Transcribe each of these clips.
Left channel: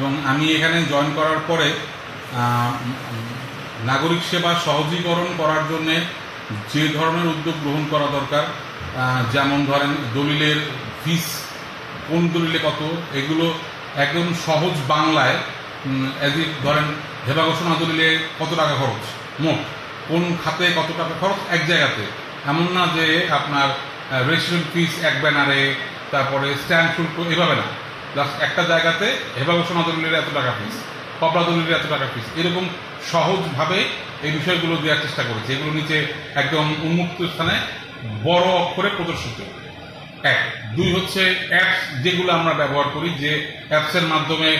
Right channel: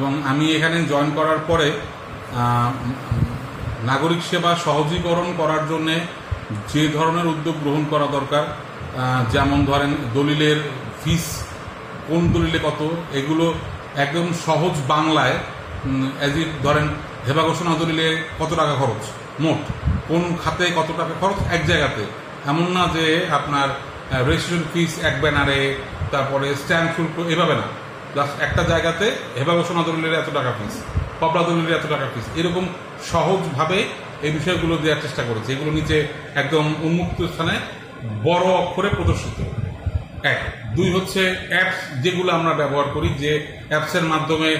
এবং আমি এখানে জয়েন করার পরে নাগরিক সেবা সহজীকরণ করার জন্যে যে ধরনের উদ্যোগ গ্রহণ করা দরকার, যেমন ধরেন দলিলের ফিস কোন দলিলে কত, এগুলো একদম সহজ বাংলায় ধরেন হেবা ঘোষণা দলিলে কত টাকা খরচ, মোট কোন খাতে কত টাকা খরচ এক জায়গাতে, এমন না যে আপনার রেজিস্ট্রেশন ফিস এক ব্যানারে, তারপরে স্ট্যাম্প শুল্ক, এভাবে না, প্লাস একটা জায়গাতে হেবা ঘোষণা দলিলের এত টাকা ফিস, কপড়া দলিলের এত টাকা ফিস, এরকম সহজভাবে এই বিষয়গুলো দেওয়ার চেষ্টা করেছে। এগুলো নিচে একদম উন্মুক্ত স্থানে বড় অক্ষরে প্রদর্শিত। এক, দুই হচ্ছে অ্যাপস যেগুলো আমরা ব্যবহার করি, যে অ্যাপসের মাধ্যমে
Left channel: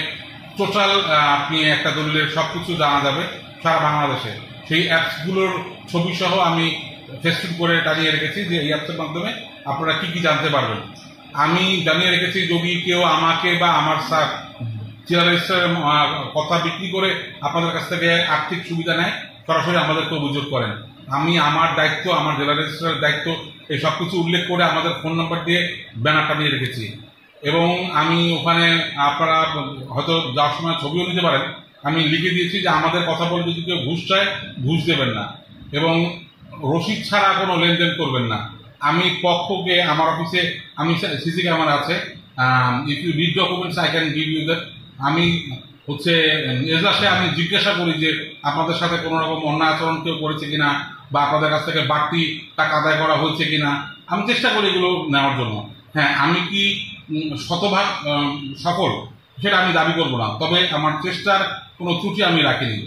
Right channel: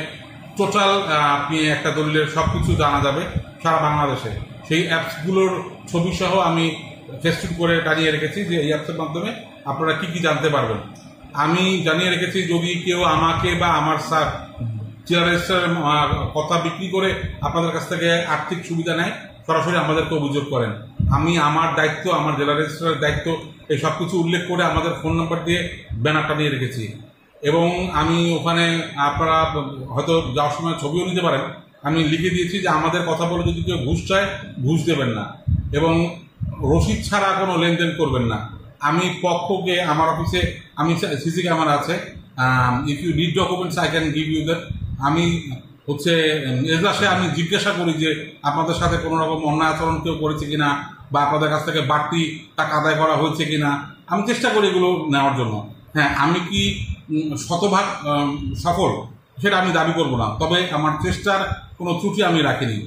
টোটাল আপনি একটা দলিলের সব কিছু জানা যাবে সারা বাংলাদেশে, সেই অ্যাপসগুলোর ছবি সহ আমি ফেসবুক করে টানিয়ে রেখেছি যে এই অ্যাপসের মাধ্যমে আপনারা কি কি জানতে পারবেন। আমি জানিয়ে রেখেছি যদি কেউ আমাকে বা আমার জেলা রেজিস্ট্রারের কথা বিক্রি করে আপনাদের কাছ থেকে আর্থিক সুবিধা নেয়, সরাসরি আমাদেরকে অভিযোগ করেন। আমি আমার দায়িত্ব, আমার জেলা রেজিস্ট্রারের দায়িত্ব এই সব কিছু উল্লেখ করে আমাদের ফোন নাম্বার দিয়ে ব্যানার টানিয়ে রেখেছি। এবং আমি ওখানে আপনারা হয়তো যাওয়ার সময় ছবিও নিতে পারেন, আমি লিখে দিয়েছি যে আমাদের কথা বলে যদি কেউ ঘুষ চায় ঘুষ দেবেন না, এবং রসিদ ছাড়া কোনো লেনদেন করবেন না। আমি পক্ষকে আমার অফিসে আমি সিসি ক্যামেরা আছে, if you need documents I can give you that. আমি হচ্ছে এজলাসে আমি জিজ্ঞাসা করি যে আপনাদের সাথে কোনো রকম অন্যায় আচরণ কেউ করেছে কিনা, বা আপনাদের কাছ থেকে বাড়তি টাকা আদায় করা হয়েছে কিনা, আমি চেষ্টা করি এগুলো নেওয়ার জন্য। হ্যাঁ, আমি কি শতভাগ সফল সেটা আমি দাবি করব না, তবে আমার চেষ্টার কোনো ত্রুটি আমি রাখিনি।